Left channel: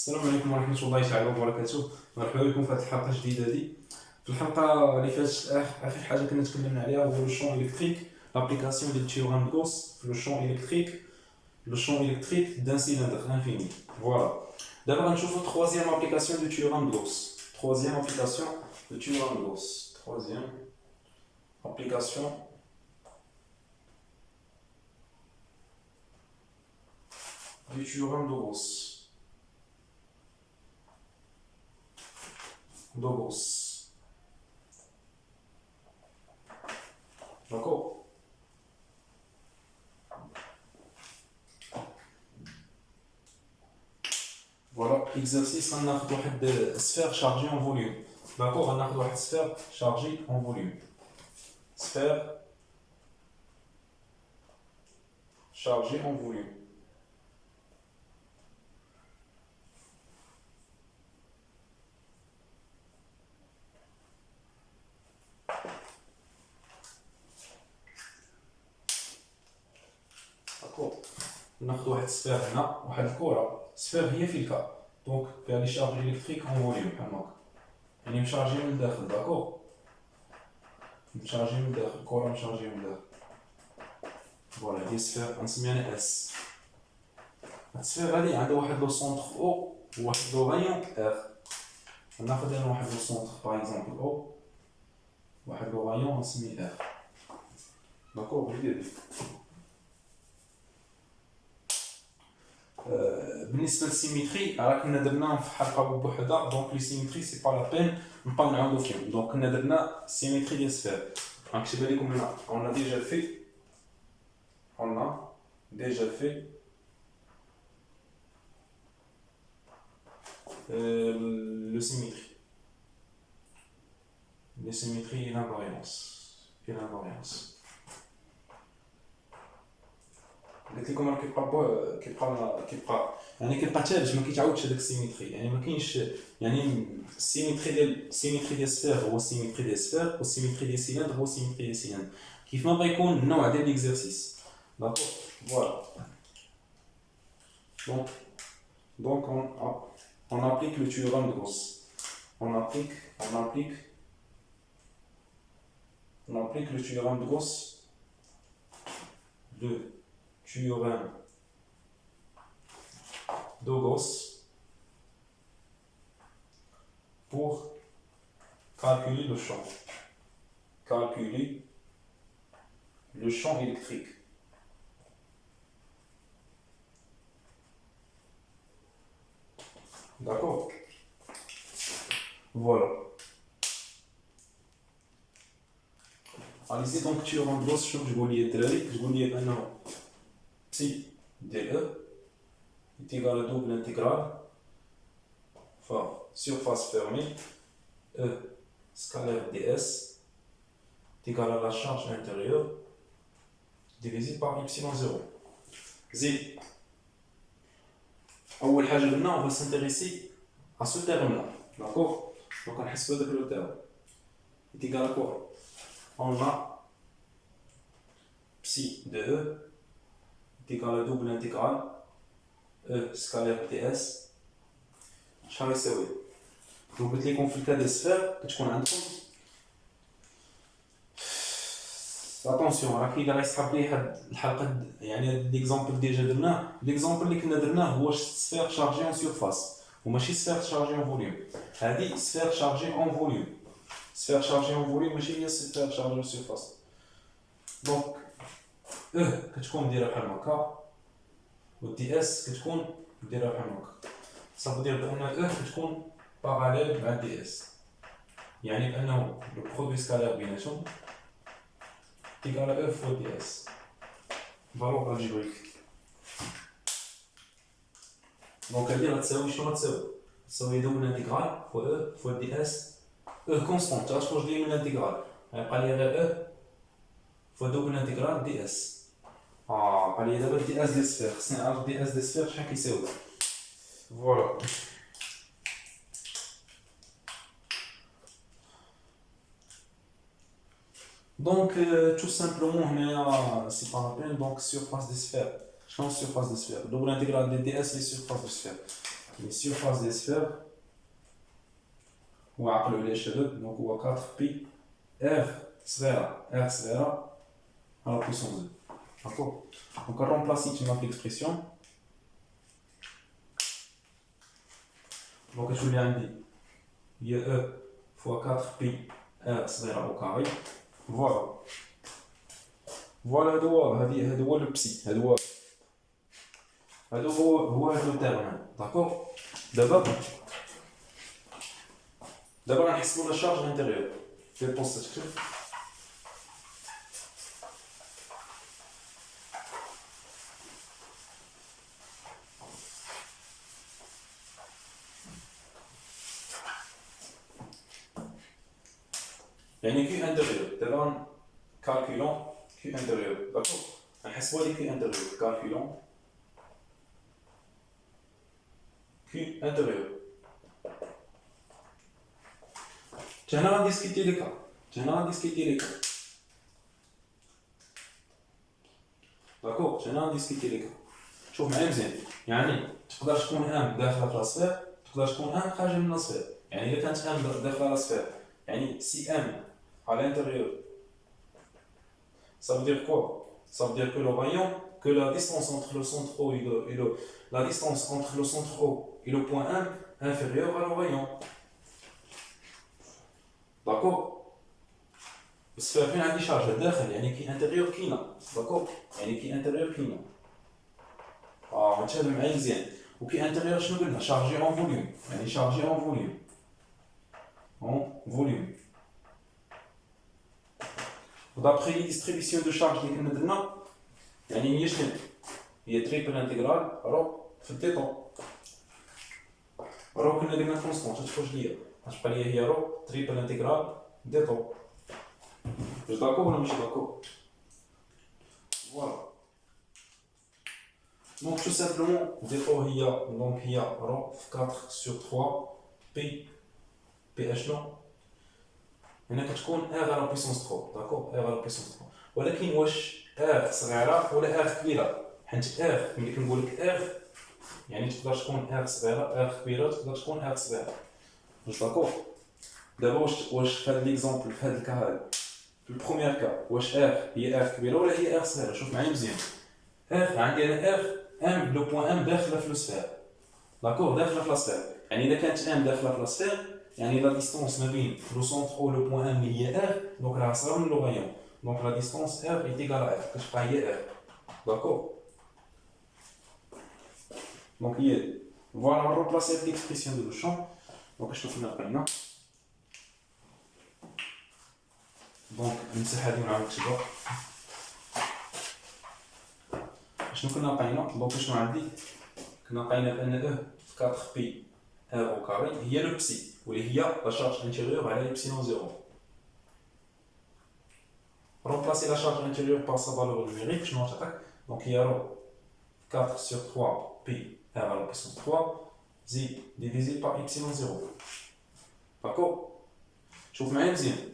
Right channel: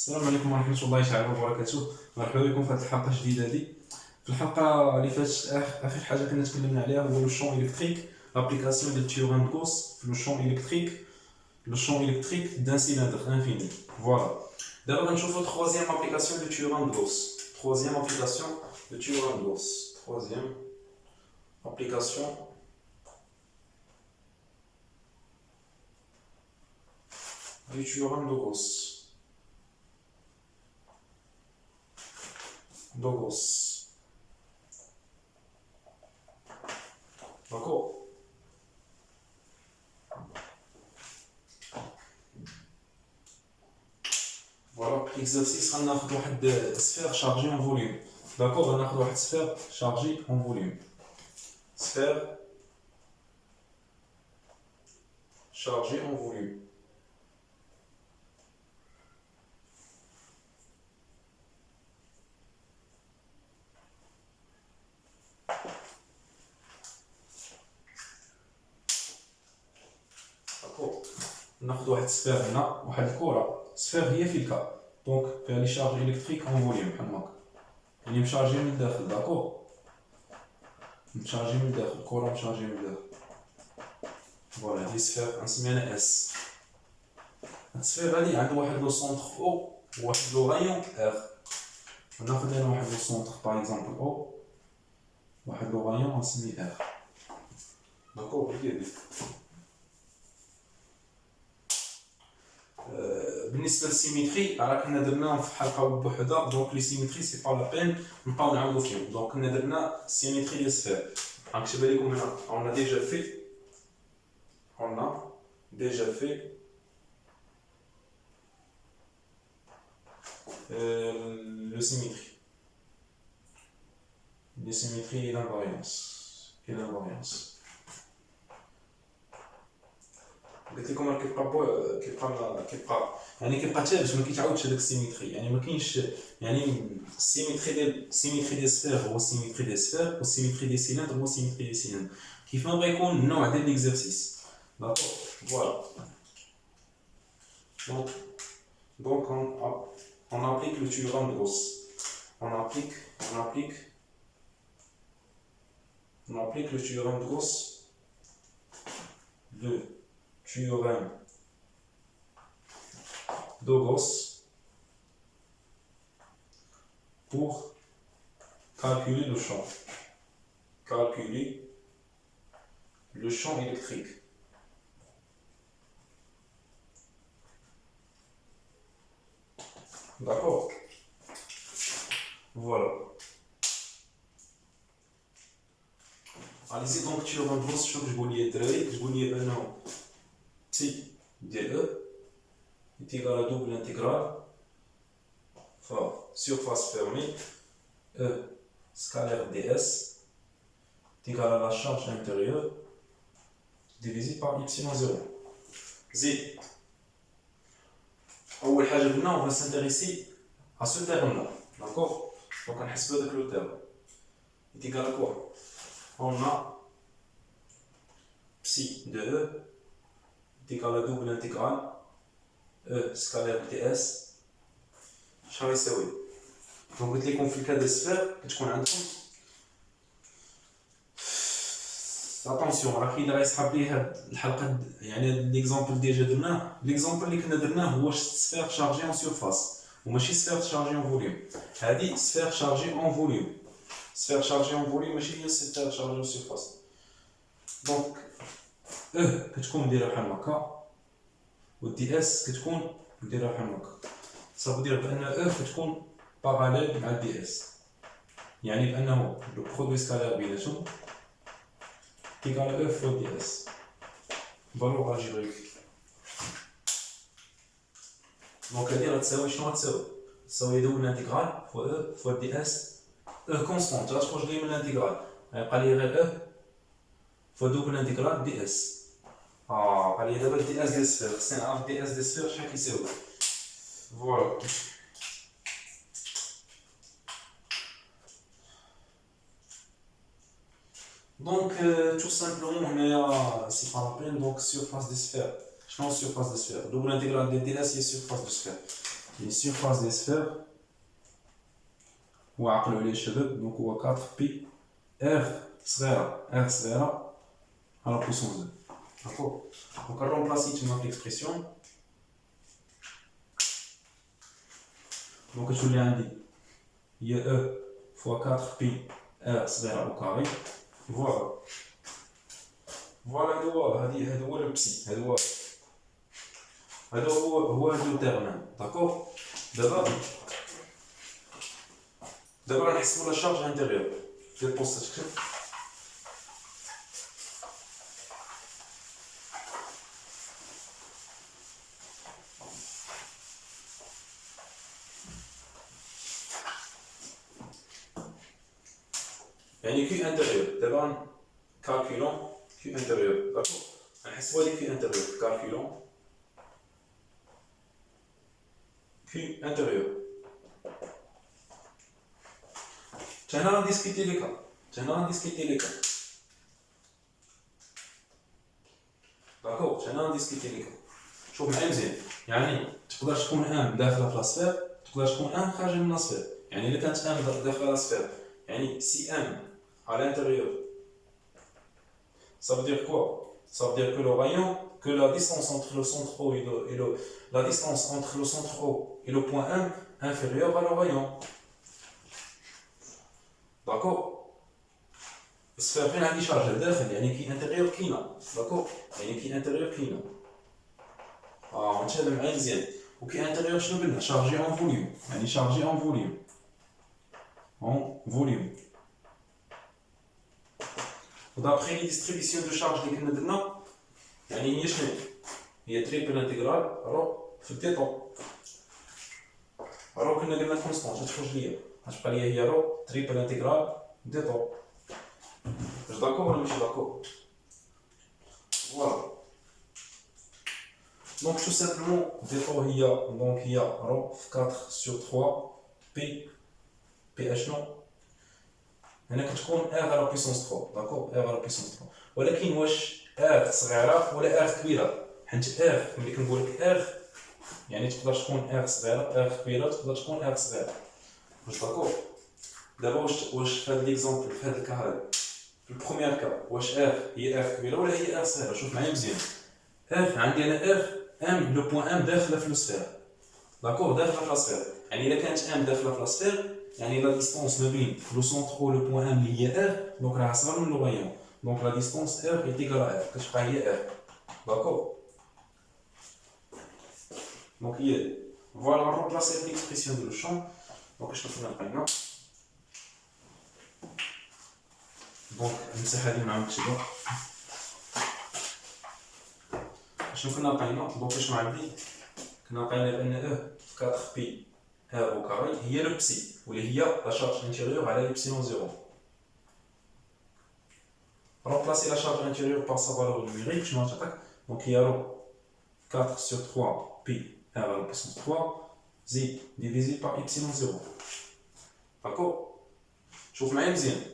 السلام عليكم ورحمة الله تعالى وبركاته. مرحبا بكم في هذه الحلقة الجديدة هذه. في الحلقة اللي فاتت آخر حاجة كنا تكلمنا عليها هو لو شون إلكتريك، لابليكاسيون ديال تيورام دو غوس في لو شون إلكتريك، لو شون إلكتريك دان سيلندر انفيني. فوالا دابا غنشوفو troisième application de théorème de Gauss. Troisième application de théorème de Gauss. Troisième application du théorème de Gauss. D'accord. Voilà, exercice, on a une sphère chargée en volume. D'accord, on a une sphère chargée en volume. Sphère chargée en volume. D'accord. On a une sphère هنا واحد الكرة. سفير هي في الكا دونك فيها لي شارج الكتريك اون فوليوم بحال هكا، يعني مشارجي من الداخل. داكور، مشارجي من الداخل، الكرة مشارجي من الداخل. فوالا هي سفير نسميها انا اس. هاد السفير هادي عندها واحد لو سونتر او وواحد لو رايون ار. ناخد انا واحد لو سونتر باغ اكزومبل او، واحد لو رايون نسميه ار. داكور، هي هادي. بالنسبه للسيميتري راه كنا درناهم في حلقه بوحدها، دونك لي سيميتري سي با لا بين نبقاو نعاودو فيهم. دونك كنا درنا سيميتري ديال سفير، غنكتبها لكم هنا. on a déjà fait le symétrie, les symétries et l'invariance. قلت لكم راه كيبقى يعني كيبقى ثابت، ما كيتعاودش هذاك السيميتري. يعني ما كاينش يعني السيميتري ديال السفير هو السيميتري ديال السفير، والسيميتري ديال السيلندر هو السيميتري ديال السيلندر، كيف ما بغا يكون النوع ديال ليكزارسيس. داكور، فوالا. donc on applique le théorème de Gauss. On applique le théorème de Gauss. Théorème de Gauss pour calculer le champ électrique. D'accord, voilà. Allez-y, donc théorème de Gauss. شوف تقول لي الدراري، تقول لي بانه بسي ديال او est égal à double intégrale surface fermée E scalaire ds est égal à la charge intérieure divisé par epsilon 0. زيد اول حاجه قلنا on va s'intéresser à ce terme là. D'accord, donc on حسب هذاك لو terme est égal à quoi? On a psi de E est égal à double intégrale E scalaire ds. شحال يساوي؟ دونك قلت لكم في الكاد ديال السفير كتكون عندكم اتونسيون، راه كاين اللي غيسحب ليه هاد الحلقه. يعني هاد ليكزامبل ديجا درناه، ليكزامبل اللي كنا درناه هو سفير شارجي اون سيرفاس وماشي سفير شارجي اون فوليوم. هادي سفير شارجي اون فوليوم، سفير شارجي اون فوليوم ماشي هي سفير شارجي اون سيرفاس. دونك كتكون دايره بحال هكا، والدي اس كتكون دايره بحال هكا. صافي دير بان كتكون باراليل مع دي اس، يعني بانه لو برودوي سكالير بيناتهم égal à E fois ds. valeur algébrique. donc هادي غتساوي شنو؟ غتساوي دوبل انتيغرال فوا E فوا ds. E كونستانت غتخرج لي من الانتيغرال، غيبقى لي غير E فوا دوبل انتيغرال ds. بقى لي دابا دي اس ديال السفير، خصني نعرف دي اس ديال السفير شحال كيساوي. فوالا. Donc tout simplement c'est pas la peine. Donc surface des sphères. Je pense surface des sphères. Double intégrale de ds et surface de sphère. les surfaces des sphères, ou عقلوا لي شباب donc هو 4 pi r صغيرة à la puissance 2. D'accord. Donc on remplace notre expression. Donc je vous l'ai dit, il y a e fois 4 pi r صغيرة au carré. Voilà. Voilà هذا هو le psi. هذا هو le terme. D'accord. D'abord غنحسبوا la charge intérieure. Je vais penser que يعني Q intérieur. D'abord calculons Q intérieur. D'accord. غنحسبوا لي Q intérieur. Calculons Q intérieur. Tiens, on discuter les cas. D'accord. Tiens, on discuter les cas. شوف معايا مزيان. يعني تقدر تكون ان داخله في لاسفير، تقدر تكون ان خارجه من لاسفير. يعني الا كانت ان داخله لاسفير، يعني سي ام à l'intérieur, ça veut dire quoi? Ça veut dire que le rayon, que la distance entre le centre O la distance entre le centre O et le point M inférieure à le rayon. D'accord. السفير فين عندي شارج داخل يعني كي انتيريور كاينه. داكور يعني كي انتيريور كاينه. نتهضر معايا مزيان. وكي انتيريور شنو قلنا؟ شارجي اون فوليوم. يعني شارجي اون فوليوم. D'après les distributions de charge اللي كنا درنا يعني هي شنو؟ هي تريبل انتيغرال في الديتون. كنا درنا كونستانت تخرج ليا. غتبقى ليا هي تريبل انتيغرال ديتون. واش داكور ولا ماشي داكور؟ فوالا. Donc tout simplement dépôt il y a rho 4 sur 3 p ph non هنا كتكون r à la puissance 3. d'accord r à la puissance 3 ولكن واش r صغيره ولا r كبيره؟ حيت r ملي كنقول لك r يعني تقدر تكون r صغيره r كبيره تقدر تكون r صغيره. واش داكور؟ دابا واش في هذا ليكزامبل في هذا الكا هذا في البروميير كا واش r هي r كبيره ولا هي r صغيره؟ شوف معايا مزيان. r عندي انا r M le point M داخله في السفير. داكور داخله في السفير. يعني الا كانت M داخله في السفير يعني لا ديستونس ما بين لو سونتر او لو بوين M اللي هي R دونك راه صغر من لو رايون. دونك لا ديستونس R est égale à R كتبقى هي R. داكور. دونك هي فوالا نروبلاسي ليكسبرسيون دو لو شون. دونك شنو كنا لقينا؟ دونك نمسح هذه مع نكتبها. شنو كنا لقينا؟ دونك شنو عندي؟ كنا لقينا بان او في 4 بي ار او كاري هي لو بسي واللي هي لا شارج انتيريور على ايبسيلون زيرو. remplacer la charge intérieure par sa valeur numérique شنو غتعطيك؟ دونك هي رو 4 sur 3 بي ار على puissance 3 زيد ديفيزي par ايبسيلون زيرو. داكور. شوف معايا مزيان.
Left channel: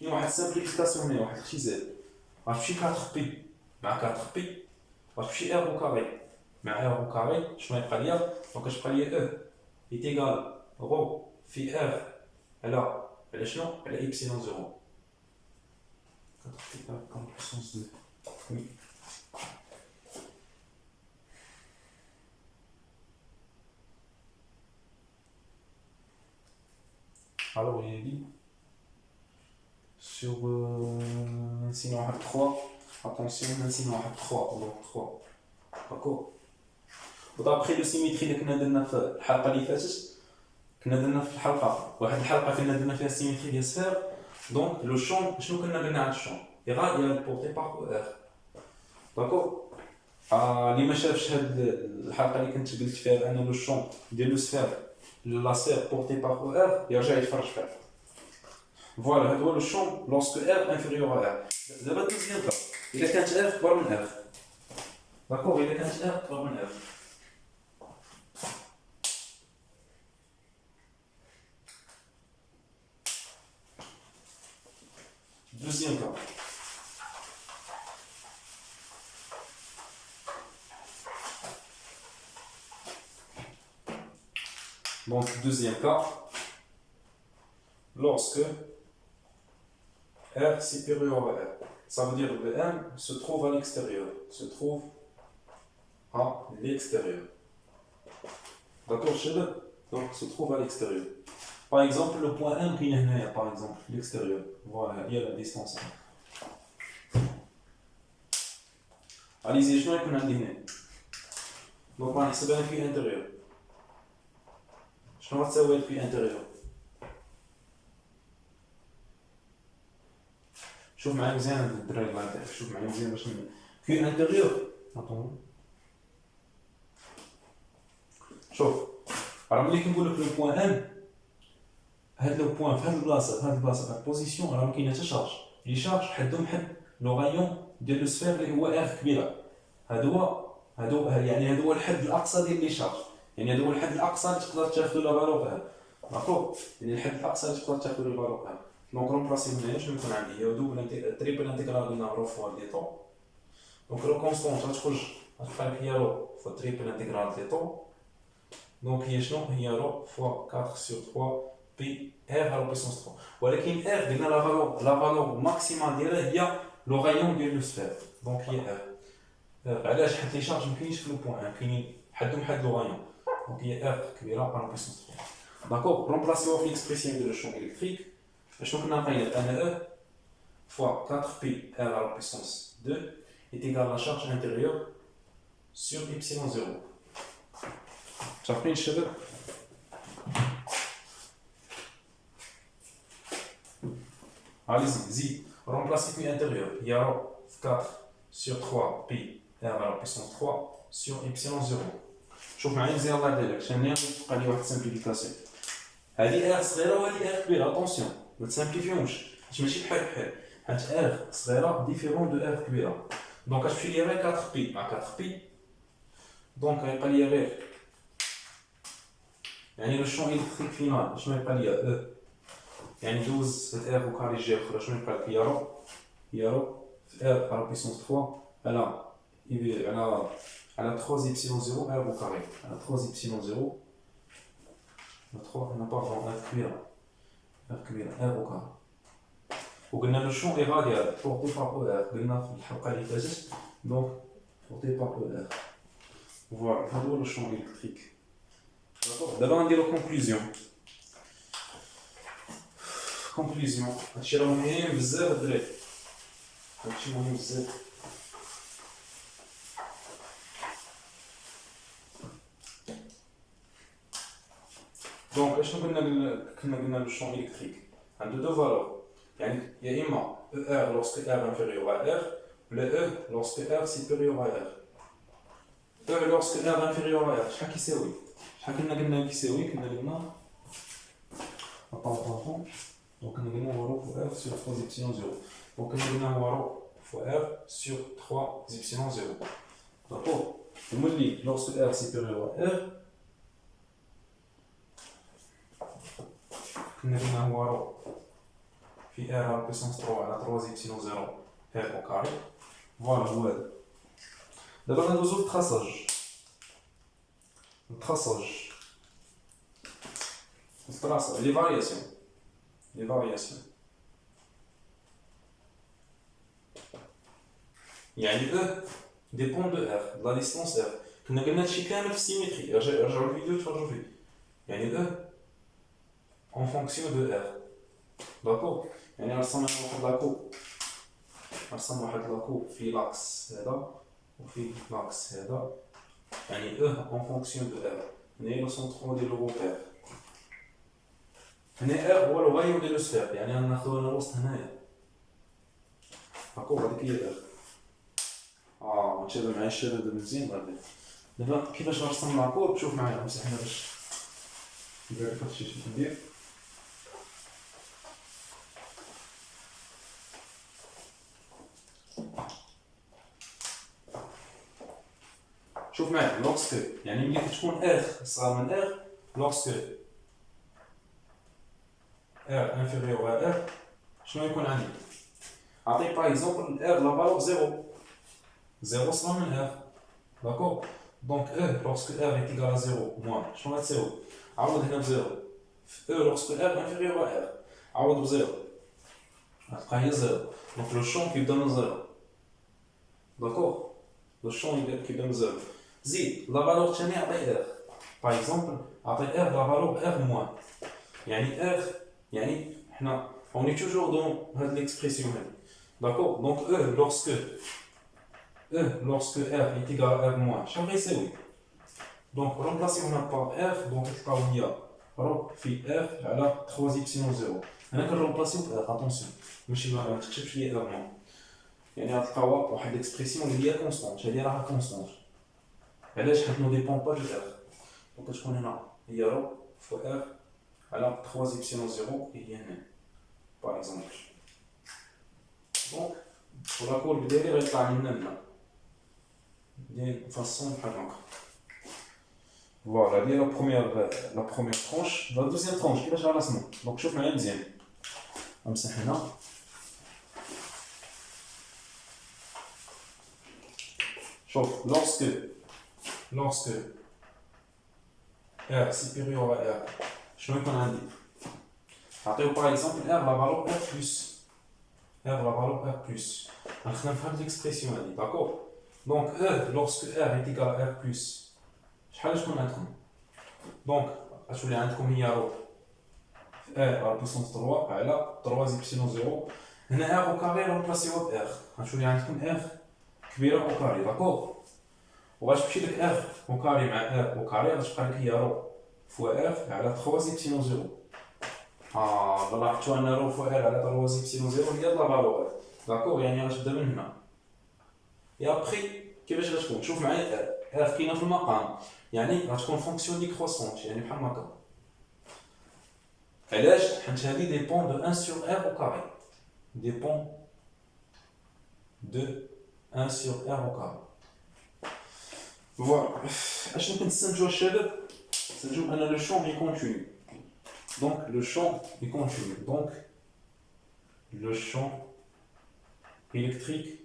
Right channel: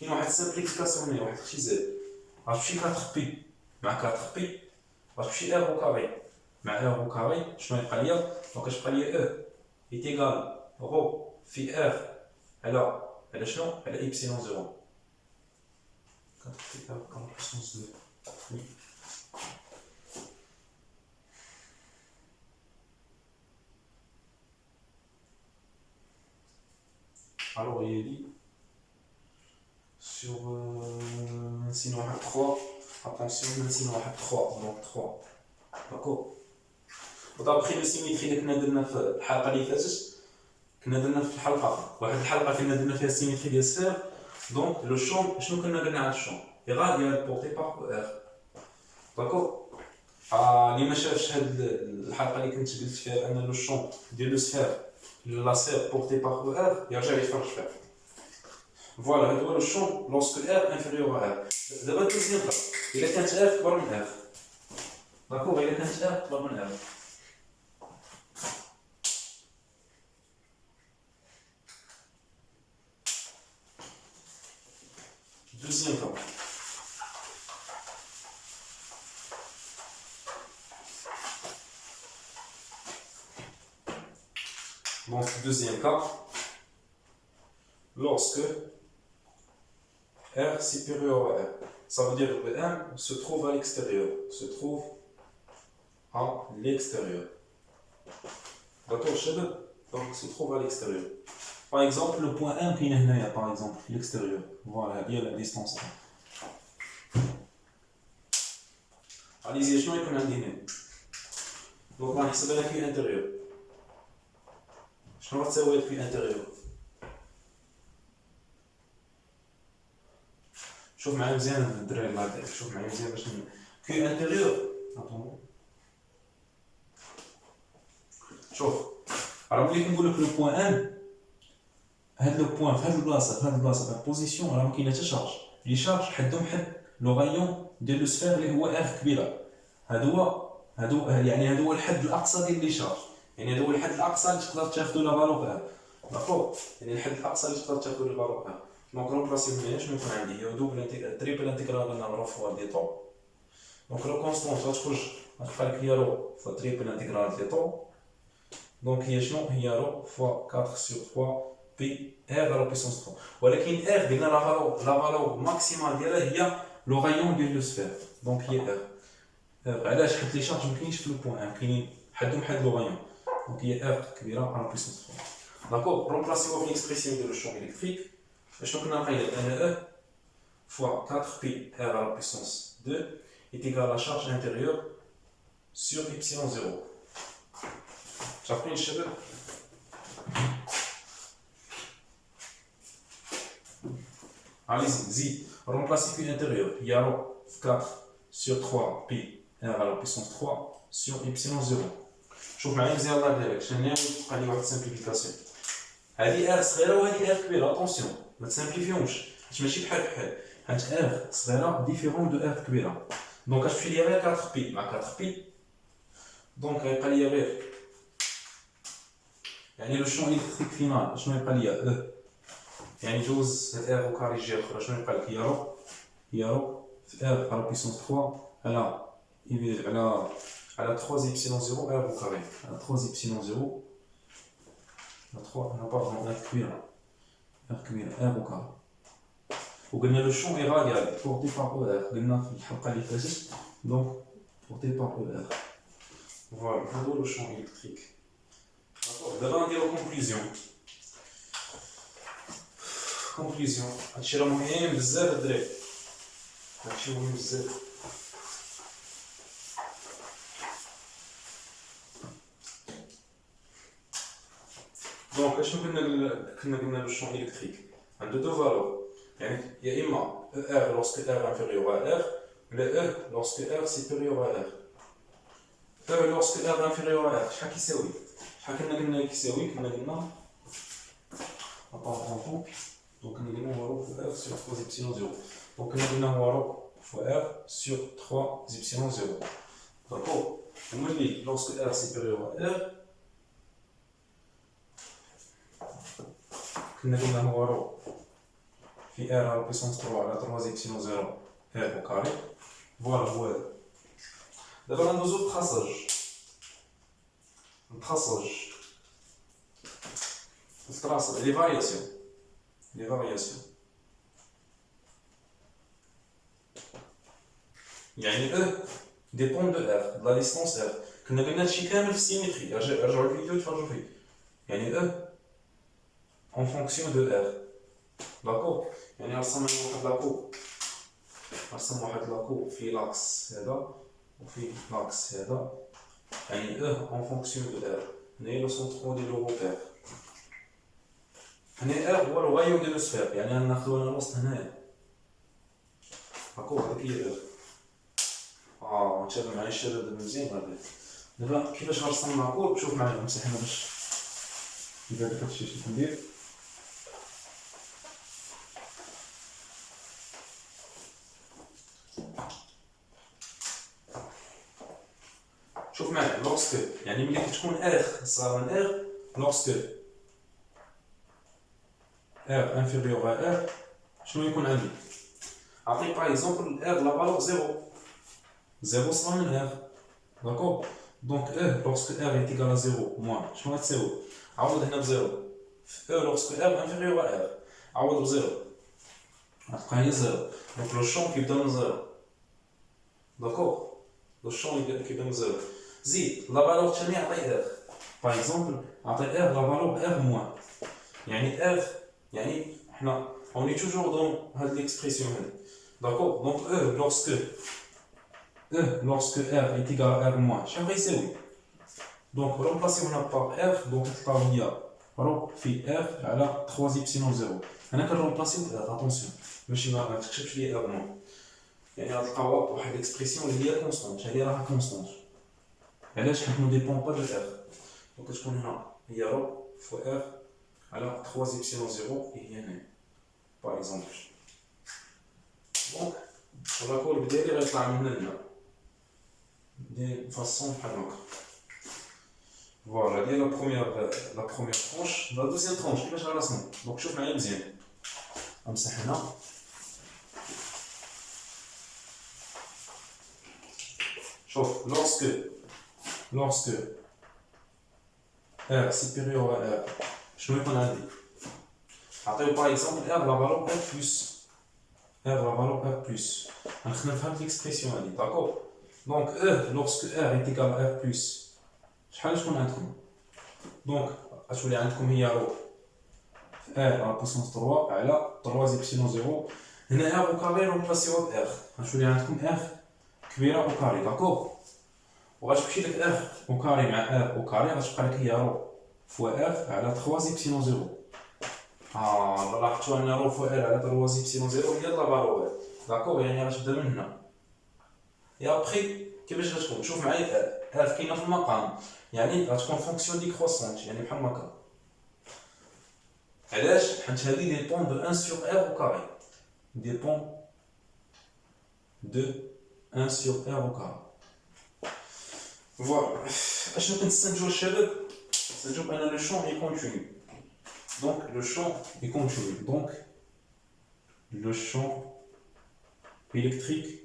كاين واحد السامبليفيكاسيون هنا واحد الاختزال. غتمشي 4 بي مع 4 بي غتمشي ار او كاري مع ار او كاري شنو يبقى ليا؟ دونك كتبقى ليا او ايتيغال رو في ار على شنو؟ على ايبسيلون زيرو. 4 بي ار على puissance 2. وي. alors il dit sur sinon on a 3 attention sinon on a 3 donc 3 d'accord. ودابخي لو سيميتري اللي كنا درنا في الحلقه اللي فاتت كنا درنا في واحد الحلقه كنا درنا فيها السيميتري ديال السفير. دونك لو شون شنو كنا قلنا على الشون؟ ايغال بورتي بار ار. داكور. اللي ما شافش هاد الحلقه اللي كنت قلت فيها ان لو شون ديال لو سفير لا سفير بورتي بار ار يرجع يتفرج فيها. فوالا هذا هو لو شون لوسك ار انفيريور ا ار. دابا دوزيام كا الا كانت ار كبر من ار. داكور الا كانت ار كبر من ار. دوزيام كا Donc, deuxième cas, lorsque R supérieur à R. Ça veut dire que le M se trouve à l'extérieur. Se trouve à l'extérieur. D'accord, chez donc se trouve à l'extérieur. Par exemple, le point M qui est là, par exemple, l'extérieur. Voilà, il y a la distance. Allez-y, je vais vous dire. Donc, on va essayer de faire l'intérieur. Je vais essayer de faire l'intérieur. شوف معايا مزيان الدراري الله يعطيك شوف معايا مزيان باش كي انتيريور شوف راه ملي كنقول لك لو بوين ام هاد لو بوين في هاد البلاصه في هاد البوزيسيون راه ما كاين حتى شارج لي شارج حدهم حد لو غايون ديال لو سفير اللي هو ار كبيره هادو يعني هذا هو الحد الاقصى ديال لي شارج يعني هذا هو الحد الاقصى اللي تقدر تاخذ لا فالور ار داكور يعني الحد الاقصى اللي تقدر تاخذ لا فالور ار دونك رومبلاسي هنايا شنو يكون عندي هي دوبل تريبل انتيغرال ديال رو فوا دي طو دونك لو كونستونت غتخرج غتبقى لك هي رو فوا تريبل انتيغرال دي طو دونك هي شنو هي رو فوا 4 سور 3 بي ار على بيسونس 3 ولكن ار قلنا لا فالور ماكسيمال ديالها هي لو غايون ديال لو سفير دونك هي ار علاش حيت لي شارج مكاينش في لو بوين ان كاينين حدهم حد لو غايون دونك هي ار كبيره على بيسونس 3 داكور رومبلاسيو في ليكسبريسيون ديال لو شون الكتريك شنو كنا نقيل ان E fois 4pi r à la puissance 2 est égal à la charge intérieure sur epsilon 0. شايفين الشباب؟ Allez-y, زيد remplacer Q intérieur. Il y a 4 sur 3 pi r à la puissance 3 sur epsilon 0. شوف معايا مزيان الله يبارك شنو تبقى لي واحد السامبليفيكاسيون. هذه R صغيرة وهذه R كبيرة اتونسيون ما تسامبليفيومش حيت ماشي بحال حيت R صغيرة ديفيرون دو R كبيرة دونك اش تمشي ليا غير 4 بي مع 4 بي دونك غيبقى ليا غير يعني لو شون الكتريك فينال شنو يبقى ليا E يعني دوز هاد R وكاري جي اخرى شنو يبقى لك هي رو في R على بيسونس 3 على 3 epsilon 0 R au carré على 3 epsilon 0 on n'a pas vraiment R كبيرة R au carré وقلنا لو شون est radial porté par ER قلنا في الحلقة اللي فاتت donc porté par ER voilà هذا هو لو شون électrique d'accord دابا غنديرو conclusion هادشي راه مهم بزاف الدراري هادشي مهم بزاف دونك اشنو كنا قلنا لو شون الكتريك عنده دو فالور يعني يا اما ER lorsque R inférieur à R ولا E lorsque R supérieur à R E lorsque R inférieur à R شحال كيساوي قلنا كيساوي كنا قلنا attends donc كنا قلنا هو رو R sur 3 epsilon 0 donc كنا قلنا هو رو fois R sur 3 epsilon 0 d'accord وملي lorsque R supérieur à R كنا قلنا هو رو في R على بيسونس 3 على 3 epsilon 0 R au carré فوالا هو هذا دابا غندوزو التراساج لي فارياسيون يعني E dépend de R de la distance R كنا قلنا هادشي كامل في السيمتري رجعوا الفيديو تفرجوا فيه يعني E en fonction de R d'accord يعني رسمنا واحد لاكو في لاكس هذا وفي لاكس هذا يعني E en fonction de R هنايا لو سونترون ديال لو روبير هنا R هو لو غايون ديال لو سفير يعني غناخدو هنا الوسط هنايا داكور هذيك هي R نتابع معايا الشباب مزيان غادي دابا كيفاش غنرسم لاكور شوف معايا نمسح هنا باش يبان لك هادشي اش ندير شوف معايا لوكسك يعني ملي كتكون R صغار من R لوكسك R inférieur à R شنو يكون عندي عطيك باغ اكزومبل R لا فالور 0 صغار من R داكور Donc E, lorsque R est égal à 0, moins, شنو غتساوي؟ عوض هنا بزيرو. في E, lorsque R est inférieur à R, عوض بزيرو. غتبقى هي زيرو. Donc le champ كيبدا من زيرو. داكور؟ le champ كيبدا من زيرو. زيد لا فالور ثاني عطي R. باغ اكزومبل عطي R لا فالور R موان. يعني R يعني حنا on est toujours dans هاد l'expression هادي. D'accord? Donc lorsque R est égal à R moins, شحال غيساوي؟ Donc remplacer هنا par R, donc تلقاو هي رو في R على 3 إبسيلون 0. هنا كنرومبلاسيو ب R, attention ماشي ما تكتبش لي R نون. يعني غتلقاو واحد ليكسبرسيون اللي هي كونستونت، هادي راها كونستونت. علاش؟ حيت نو ديبون با دو R. دونك كتكون هنا هي رو فوا R على 3 إبسيلون 0 هي هنا. باغ اكزومبل. دونك الرابور ديالي غيطلع من هنا. de façon بحال هكا. فوالا ديال لا بروميير ترونش. لا دوزيام ترونش كيفاش غنرسمو؟ دونك شوف معايا مزيان. غنمسح هنا. شوف lorsque R supérieur à R شنو يكون عندي؟ عطيو باغ اكزومبل R لا فالور R بلس R لا فالور R بلس. غنخدم في هاد ليكسبرسيون هادي داكور. Donc E, lorsque R est égal à R+, شحال تكون عندكم؟ Donc غتولي عندكم هي رو R على بوسونس 3 على 3 إبسيلون 0. هنا R au carré رومبلاسيوها ب R. غتولي عندكم R كبيرة au carré داكور. وغتمشي لك R au carré مع R au carré غتبقى لك هي رو فوا R على 3 إبسيلون 0. لاحظتوا أن رو فوا R على 3 إبسيلون 0 هي لا فالور داكور. يعني غتبدا من هنا. Et après, كيفاش غتكون؟ شوف معايا R كاينه في المقام، يعني غتكون فونكسيون ديكروسونت، يعني بحال هكا. علاش؟ حيت هادي ديبون دو 1 sur R au carré. ديبون دو 1 sur R au carré. فوالا. اشنو كنستنتجو الشباب؟ كنستنتجو بان لو شون اي كونتينيو. دونك لو شون اي كونتينيو. دونك لو شون électrique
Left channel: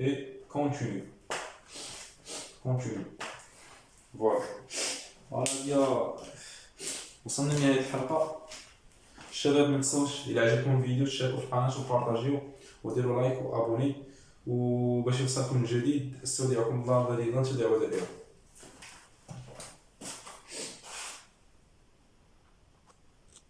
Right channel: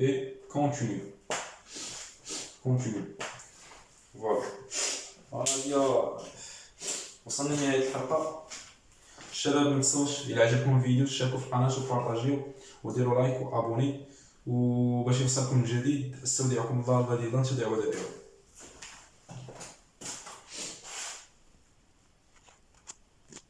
et continue. Voilà. فوالا وصلنا لنهاية الحلقة. الشباب متنساوش إلا عجبكم الفيديو تشاركوا في القناة وبارطاجيو وديروا لايك وابوني، وباش يوصلكم الجديد استودعكم الله الذي لا تضيع ودائعه.